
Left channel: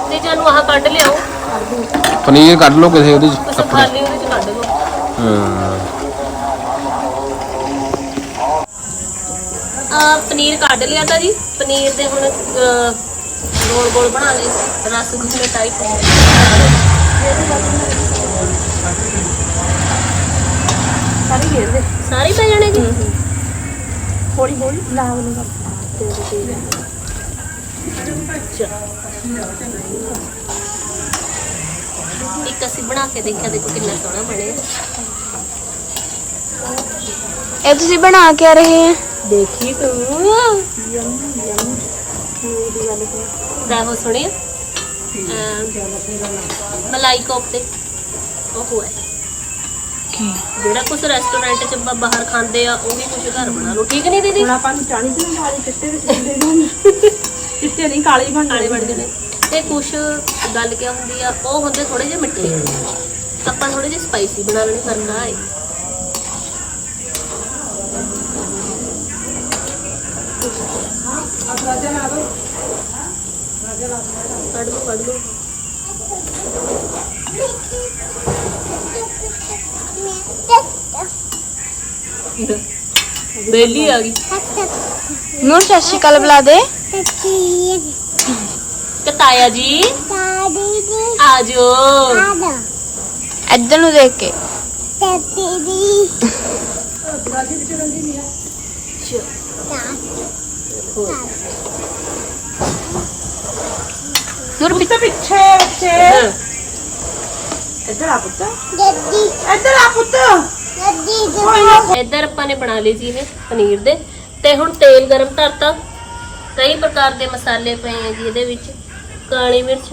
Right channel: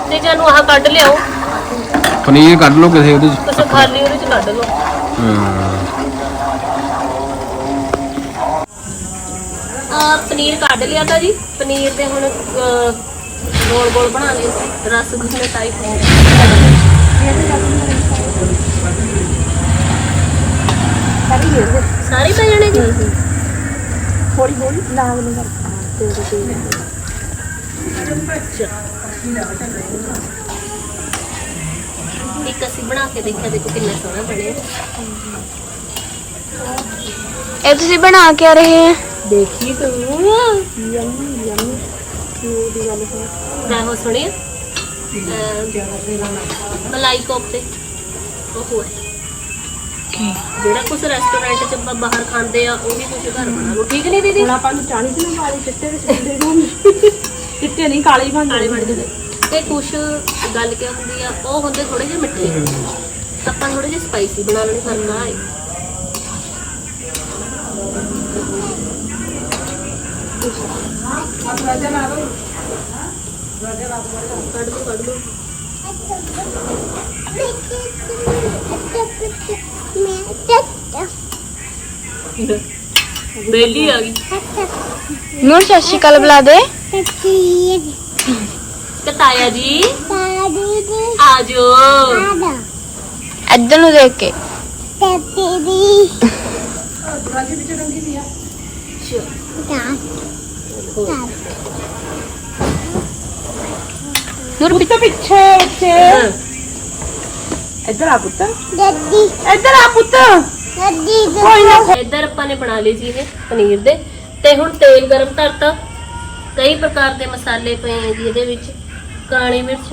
S4: ਤੇ ਜਾਨੂੰ ਆਹ ਕੱਢ ਲਿਆਓ।
S1: ਪਨੀਰ ਕੱਢ ਲਓ ਕਿਸੇ ਉਹਦੇ ਚ
S4: ਖਾਲੀ ਉਹਦੇ ਚ ਕੱਢ ਲਓ।
S1: ਹਾਂ।
S4: ਆ ਪਨੀਰ ਕੱਢ ਲਿਆ ਤਾਂ ਜੀ। ਪਨੀਰ ਦੇ ਹੁਣ ਅਹ, ਗੋਲ ਗੋਲ ਬਣਾ ਲਏ। ਰਸਗੁੱਲੇ ਟਾਈਪ
S3: ਸਾਰੇ
S4: ਸਾਰੇ ਪੈ ਜਾਣੇ ਜੀ।
S3: ਹੌਲੀ ਹੌਲੀ ਲਾਗ ਨੂੰ ਕਰ
S4: ਇੱਕ ਅਸੀਂ ਬਣਾ ਕੇ ਦੇਖਿਆ ਦੇਖੋ ਕਿੰਨਾ ਸੋਹਣਾ ਬਣਿਆ।
S5: ਇਹ ਤੁਸੀਂ ਬਣਾ ਕੇ ਰਹੇ ਹੈ
S4: ਦੇਖੀ ਤੂੰ।
S3: ਯੰਮੀ ਯੰਮੀ ਨੂਰ ਦੀ ਗੱਲ ਸੁਣ
S4: ਗਾਹੋ ਸੁਣਿਆ? ਮਲਾਈ ਕੋਫਤੇ। ਉਹ ਜਿਹੜਾ ਕੁਝ ਰੈਸਟੋਰੈਂਟ ਚ ਆਪਾਂ ਬਾਹਰ ਖਾਂਦੇ ਆ ਉਹ ਵੀ ਕੁਝ ਘਰ ਬਣਾ ਲਓ। ਠੀਕ ਨਹੀਂ ਦੀਦੀ?
S3: ਹੁਣ ਆਪਾਂ ਨੂੰ ਚਾਣੀ ਚ ਨਾ ਚਿੱਟੇ ਵਿੱਚ ਚਿੱਟੇ ਨੂੰ ਚਿੱਟੇ ਨਹੀਂ ਕਾਲੇ ਹੀ ਬਣ
S4: ਕਾਲੇ ਬਣਦੇ ਨੇ। ਤੇ ਕੁਝ ਗੱਲ ਕਿਆ ਹੁੰਦੀ ਆ ਉਹ ਹੁੰਦੇ ਥੋੜੇ ਜਿਹੇ ਮਿੱਠੇ। ਆਪਾਂ ਥੋੜੇ ਜਿਹੇ ਸਪਾਈਸੀ ਬਣਾ ਲੈਣੇ ਕਰਨਾ ਹੈ ਕੱਢ ਲਓ ਕੱਢ ਲਓ। ਬੇਲੀ ਆ ਗਈ।
S5: ਨੂਰ ਸਤਿ ਸ਼੍ਰੀ ਅਕਾਲ ਬੁਲਾ ਦੇ।
S4: ਕਿ ਤਾਇਆ ਜੀ? ਆ ਜਾਓ
S5: ਇੱਧਰ ਨੂੰ ਦੇਖ ਕੇ।
S3: ਨੂਰ ਪਿੱਛੇ ਪਿੱਛੇ। ਬੱਚੇ ਇੱਧਰ ਆ ਪੁੱਤ। ਇੱਧਰ ਆ ਪੁੱਤ। ਕੋਈ ਨਾ
S4: ਇੱਧਰ ਆਪਾਂ ਨੇ ਬਣਾ ਲਈ ਜੀ ਇਹ ਪਨੀਰ ਦੇ। ਤੇ ਹੁਣ ਤੇਲ ਗਰਮ ਕਰਤਾ। ਕਈ ਪ੍ਰਕਾਰ ਦੇ ਮਸਾਲੇ ਪਏ ਆ ਜੀ ਇਹਦੇ ਵਿੱਚ। ਕਾਲੀ ਮਿਰਚ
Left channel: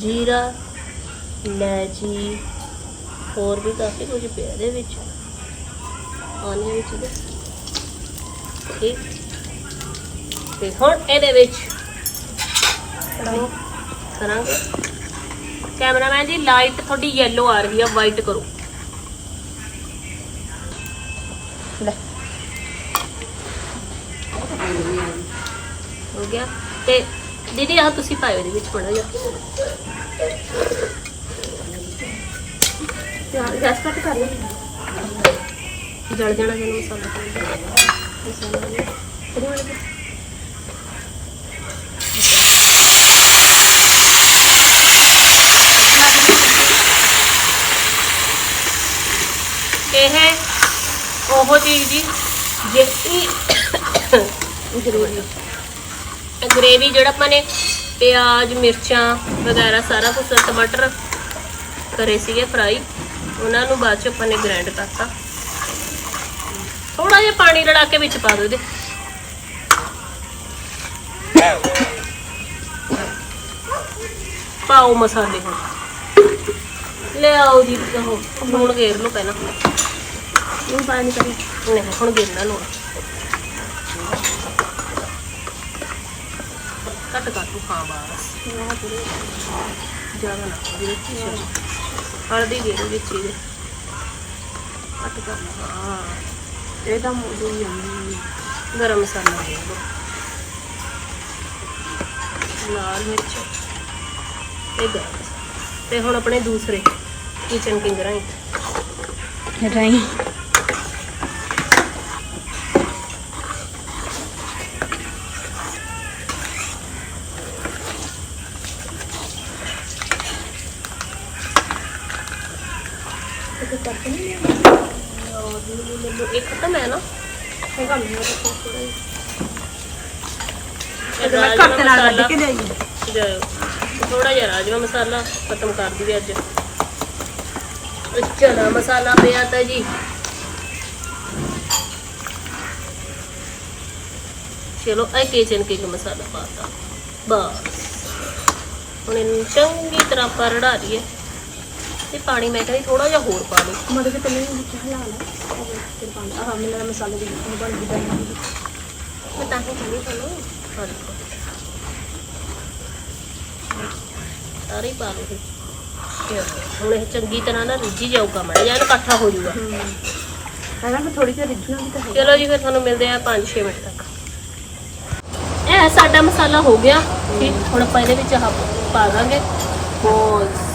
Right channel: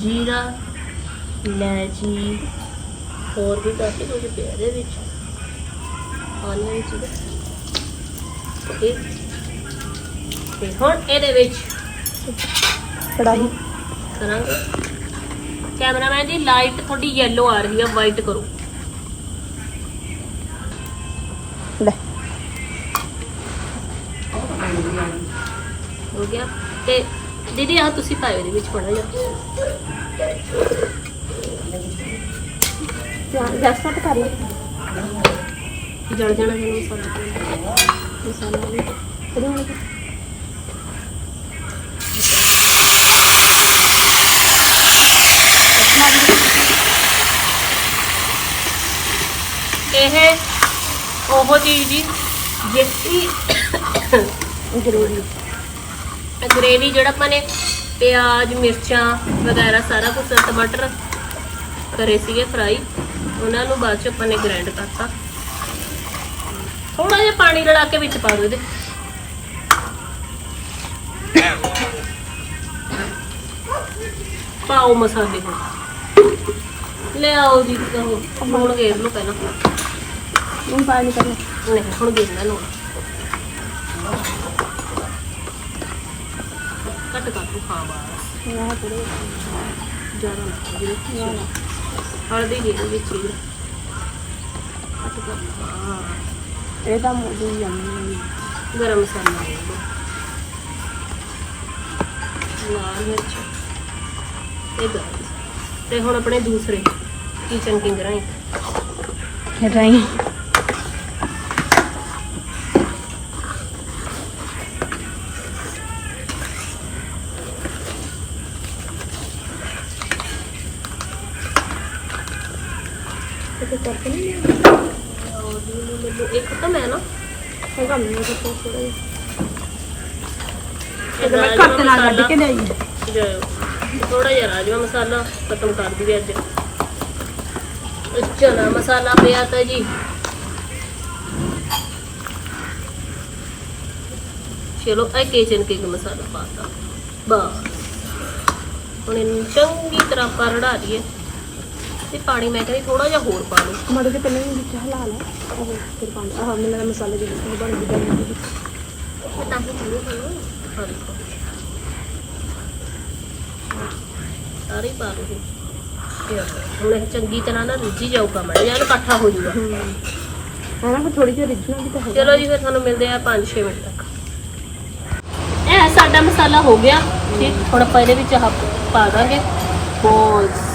S4: ਜੀਰਾ ਲੈਚੀ ਹੋਰ ਵੀ ਕਾਫੀ ਕੁਝ ਪਿਆ ਇਹਦੇ ਵਿੱਚ। ਆਨੀਅਨ ਵਿੱਚ ਠੀਕ। ਤੇ ਹੁਣ ਇਹਦੇ ਵਿੱਚ
S3: ਕੜਾਈ
S4: ਕਰਾਂਗੇ ਕੈਮਰਾਮੈਨ ਜੀ ਲਾਈਟ ਤੁਹਾਡੀ ਯੈਲੋ ਆ ਰਹੀ ਆ ਵਾਈਟ ਕਰੋ।
S3: ਲੈ।
S4: ਹੋ ਗਿਆ। ਤੇ ਦੀਦੀ ਆਹ ਤੁਸੀਂ ਪਾਇਓ ਇਹਦੇ ਵਿੱਚ ਥੋੜਾ ਜਿਹਾ।
S3: ਗੈਸ ਕੱਟ ਕਰ ਲੈ
S4: ਜਲ ਜਾਣਾ ਜਦੋਂ ਮਸਾਲਾ ਮਸਾਲਾ ਵੀ।
S3: ਇਹਦੇ ਵਾਲੇ
S4: ਇਹ ਉਹ ਚੀਜ਼ ਜੀ ਜਿਹੜੀ
S3: ਗਰੇਵੀ।
S4: ਗ੍ਰੇਵੀ ਜਿਹੜਾ ਆਪਾਂ ਨੇ ਪਿਆਜ਼ ਮਿਰਚਾਂ ਵਗੈਰਾ ਸਾਰਾ ਕੁਝ ਟਮਾਟਰ ਕਰੇ ਸੀਗੇ ਫਰਾਈ ਉਹਨਾਂ ਨੂੰ ਬਾਅਦ ਚ ਆਪਾਂ ਨੇ ਗ੍ਰਾਈਂਡ ਕਰਤਾ। ਥੋੜਾ ਜਿਹਾ ਪਾਣੀ ਰਲਾ ਕੇ ਵਿੱਚ ਪਾ ਦਿਓ ਇਹਦੇ। ਪਾਓ ਮਸਾਲੇ ਹੁਣ। ਲੈ ਆਓ ਜੀ ਉਹ ਲੂਣ ਗੇਰ ਲਓ ਪਹਿਲਾਂ।
S3: ਨੂੰ ਪਾਣੀ ਨਹੀਂ ਕਰਨਾ।
S4: ਨਹੀਂ ਹੁਣ ਗੇਰਨਾ ਲੂਣ ਕੱਟ ਕੱਟ ਹਾਂ ਬਸ।
S3: ਆਹ ਪੂਰੇ।
S4: ਜ਼ਿਆਦਾ ਨਾ ਜਿਹਦੇ ਵਿੱਚ ਹਲਦੀ ਦੇ ਦਿਓ ਵਿੱਚ ਹੀ। ਕੱਟ ਕਰ ਹਾਂ।
S3: ਇਹ ਤਾਂ ਯੰਮੀ
S4: ਗਰਮ ਮਸਾਲਾ ਦੇ ਦਿਓ ਲਾਲ ਮਿਰਚ ਇਹ ਗਰਮ ਤੇ ਹੁਣ ਆਪਣੇ ਦੂਸਰੇ ਕਿਚਨ ਕਿੰਗ ਰਾਈ
S5: ਰਾਈ
S4: ਮੈਨੂੰ ਇੱਕ ਤਾਂ ਮੈਂ ਨਾ ਹੈਗਾ ਮੈਨੂੰ ਤਾਂ ਥੋੜਾ ਜਿਹਾ
S3: ਮੈਂ ਘੱਟ ਨਾਲ ਕੱਢ ਕੇ ਲਿਆਈ
S4: ਥੋੜਾ ਜਿਹਾ ਰਾਜਮਾ ਮਸਾਲਾ ਖਤਮ ਕਰ ਦਈਏ ਅੱਜ ਚਨਾ ਮਸਾਲਾ ਪਿਆ ਤਾਂ ਜੀ ਚਲੋ ਇਹ ਕਿਚਨ ਕਿੰਗ ਮਸਾਲਾ ਪਾਤਾ ਬਸ ਹੁਣ ਇਹਨੂੰ ਚੰਗੀ ਤਰ੍ਹਾਂ ਆਪਾਂ ਲਈਏ ਤੇ ਪਾਣੀ ਮੈਂ ਕਹਿੰਦੀ ਥੋੜਾ ਜਿਹਾ ਹੋਰ ਪਾ ਲਓ।
S5: ਮੜੇ ਤੇ ਪਹਿਲਾਂ ਵਿੱਚ ਹਲਾ ਲਾ ਉਹ ਫਿਰ ਪਾਣੀ ਆਹ ਮੈਨੂੰ ਲੱਗਦਾ ਮਸਾਲੇ ਦੇ ਵਿੱਚ ਬਣ ਗਈ ਬਣ ਗਈ
S4: ਮੈਂ ਤਾਂ ਹੀ ਕਹਿੰਦੀ ਤੁਹਾਨੂੰ। ਦੇਖੋ ਸਾਰੇ ਹੀ ਪਾ ਲਓ। ਤੇ ਹੁਣ ਇਹ ਚੰਗੀ ਤਰ੍ਹਾਂ ਨਾ ਰਿੱਝੀ ਜਾਊਗਾ ਮੜਾ ਜਾਂ ਇਕੱਠਾ ਹੋ ਜਾਊਗਾ।
S5: ਹੈ। ਫਿਰ ਥੋੜੀ ਜਿਹੀ ਰਿਜਣਾ ਵੀ ਤਾਂ
S4: ਚਲੋ ਜੀ ਫਿਰ ਤੁਹਾਨੂੰ ਮਿਲਦੇ ਆ 5-6 ਮਿੰਟ ਤੱਕ। ਇਹ ਸਾਡਾ ਮਸਾਲਾ ਹੋ ਗਿਆ। ਠੀਕ ਹੁਣ ਆਪਾਂ ਇਹਦੇ ਵਿੱਚ ਆਹ ਪਾ ਦਾਂਗੇ। ਬਹੁਤ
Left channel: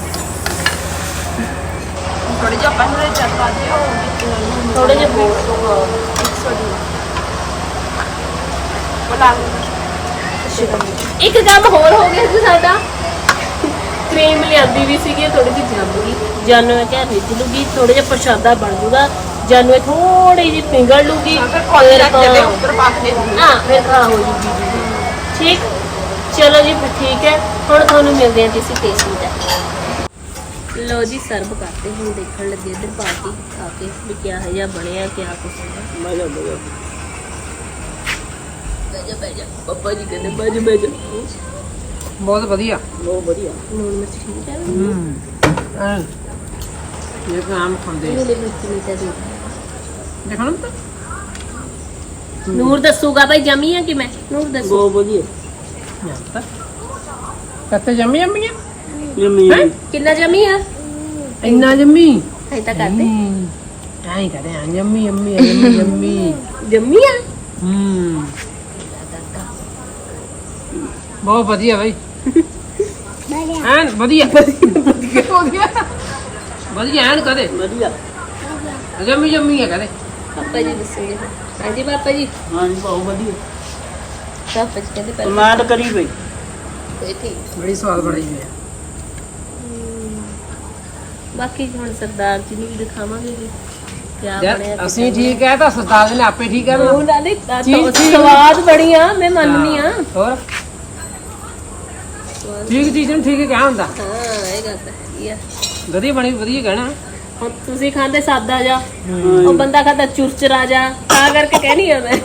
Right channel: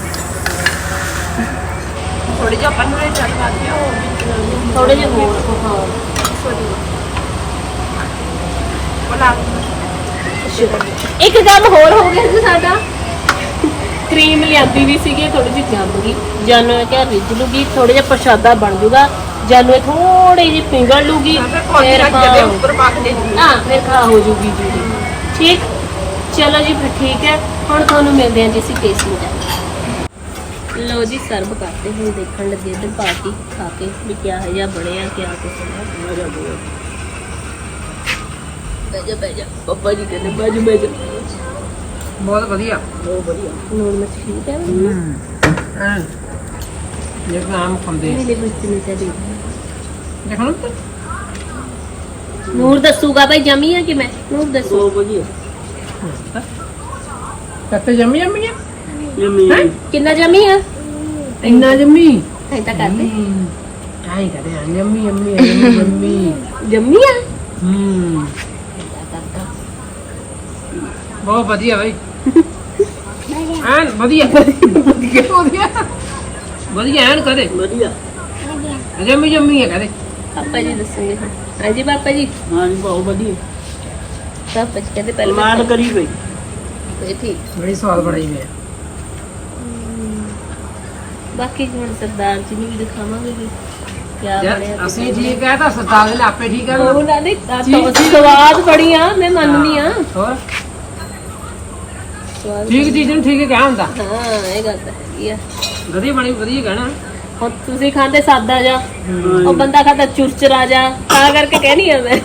S3: ਥੋੜੇ ਜਿਹਾ
S4: ਹੋਰ ਇੱਕ ਕੰਮ ਹੋਰ ਹੋ ਗਿਆ ਜੀ ਸਾਡਾ। ਕਰੀਮ ਲਿਆਂਦੀ ਵੀ ਸੀਗੀ ਥੋੜੀ ਜਿਹੀ ਜੰਮ ਗਈ। ਜਾਨੂ ਇਹ ਕਿਹਾ ਰਿੱਝ ਲੂਗੀ ਥੋੜਾ ਜਿਹਾ ਪ੍ਰਸ਼ਾਦਾ ਬਣ ਜੂਗਾ। ਜਾਨੂ ਇਹ ਥੋੜੀ ਜਿਹੀ ਪਿੰਗਲ ਲੂਗੀ ਫਿਰ ਹਾਂ।
S3: ਉੱਪਰ ਦੇ
S4: ਹਾਂ ਫਿਰ ਖਾ ਹੋ ਜੂਗੀ ਜੀ। ਠੀਕ? ਚਲੋ ਜੀ ਫਿਰ ਠੀਕ ਹੈ। ਹੁਣ ਤੁਹਾਨੂੰ ਮਿਲਦੇ ਹਾਂ ਜੀ ਅਸੀਂ ਟੇਸਟਿੰਗ ਕਰ ਲਓ ਜੀ ਸਰਵ ਕਰਦੇ ਹੁਣ ਦੇਖਣ ਲੱਗੇ ਇਧਰ ਪਾਰਟੀ ਖਾ ਕੇ ਵੀ ਕਿਆ ਹੈ ਜਾਂ ਬਣਿਆ ਕਿਆ ਕੁਛ ਹੈ। ਮਜ਼ਾ ਬਜਾ ਬਜਾ ਬਜਾ ਪਪਾ ਜੀ ਕਹਿੰਦੇ ਬਜ ਬਜ
S3: ਬਹੁਤ ਵਧੀਆ।
S4: ਨੂਨ ਮਿਰਚ ਠੀਕ ਹੈ।
S3: ਇਹ ਕੰਮ ਖਾਂਦੇ
S4: ਮੇਰੇ ਮਿਰਚ
S3: ਦੇਖੋ
S4: ਨੂਰ ਦੱਸੂਗਾ ਭਾਈ ਜਮੀ ਆ ਕਿ ਮੈਂ? ਨੂਰ ਦੱਸੂ।
S3: ਕੱਤੇ ਜੰਮੀ ਜੰਮੀ
S4: ਕਿੰਨਾ ਜਮੀ ਆ?
S3: ਇੰਨਾ ਜੰਮੀ?
S4: ਐ ਤਾਂ ਕਰਦੇ
S3: ਆਈ ਕਹਦੇ ਆ ਜੰਮੀ ਜੰਮੀ ਜੰਮੀ ਜੰਮੀ।
S4: ਜਮੀ ਆ?
S3: ਹੂੰ। ਬਹੁਤ ਵਧੀਆ ਬਾਈ। ਐਨ ਵਧੀਆ। ਵਧੀਆ। ਵਧੀਆ ਵਧੀਆ ਐਨ ਕਰੇ ਵਧੀਆ। ਜੰਮੀ ਜੰਮੀ ਹੈ ਕਰੇ
S4: ਪਾਪਾ ਜੀ ਦੱਸੂਗੇ ਫਿਰ ਹਾਂਜੀ ਪਾਪਾ ਜੀ।
S3: ਹਾਂਜੀ ਬਹੁਤ ਵਧੀਆ।
S4: ਪਾਪਾ ਜੀ ਕਹਿੰਦੇ ਪਹਿਲਾਂ ਮੈਂ
S3: ਕਰੀ ਬਈ
S4: ਇਹ ਠੀਕ।
S3: ਬੜੀ ਸਵਾਦ ਬਣਾਈ ਹੋਈ ਹੈ
S4: ਬਾਕੀ ਹੁਣ ਸਰਦਾਰ ਜੀ ਨੂੰ ਵੀ ਦਿਖਾਵਾਂਗੇ ਵੀ ਕਿਆ ਬਣਿਆ
S3: ਅਸੀਂ ਠੀਕ ਹੈ ਤਾਂ ਸਰਦਾਰ ਨੇ ਆਪੇ ਠੀਕ ਹੈ
S4: ਉਹ ਨਾ ਨਹੀਂ
S3: ਚੀਜ਼- ਚੀਜ਼-
S4: ਸਵਾਦ ਬੜੀ ਆ ਮੈਂ ਮੰਨਨੀ ਆ।
S3: ਹੋਰ? ਠੀਕ ਚੀਜ਼ ਨੂੰ ਠੀਕ ਹੀ ਕਿਹਾ ਹੁੰਦਾ।
S4: ਹਾਂ ਇਹ ਗੱਲ ਤਾਂ ਹੈਗੀ ਆ।
S3: ਵਧੀਆ ਬਣੀ ਵਧੀਆ ਕਹਿਣਾ।
S4: ਹੁਣ ਤੁਸੀਂ ਖਾਂਦੇ ਸਾਦਾ ਜਾ ਉਹ ਬੰਦਾ ਖਾਂਦਾ ਚੁਰਚਰਾ ਜਾ ਤਾਂ ਕਰਕੇ ਕਹਿਣੀ ਆ ਮੈਂ।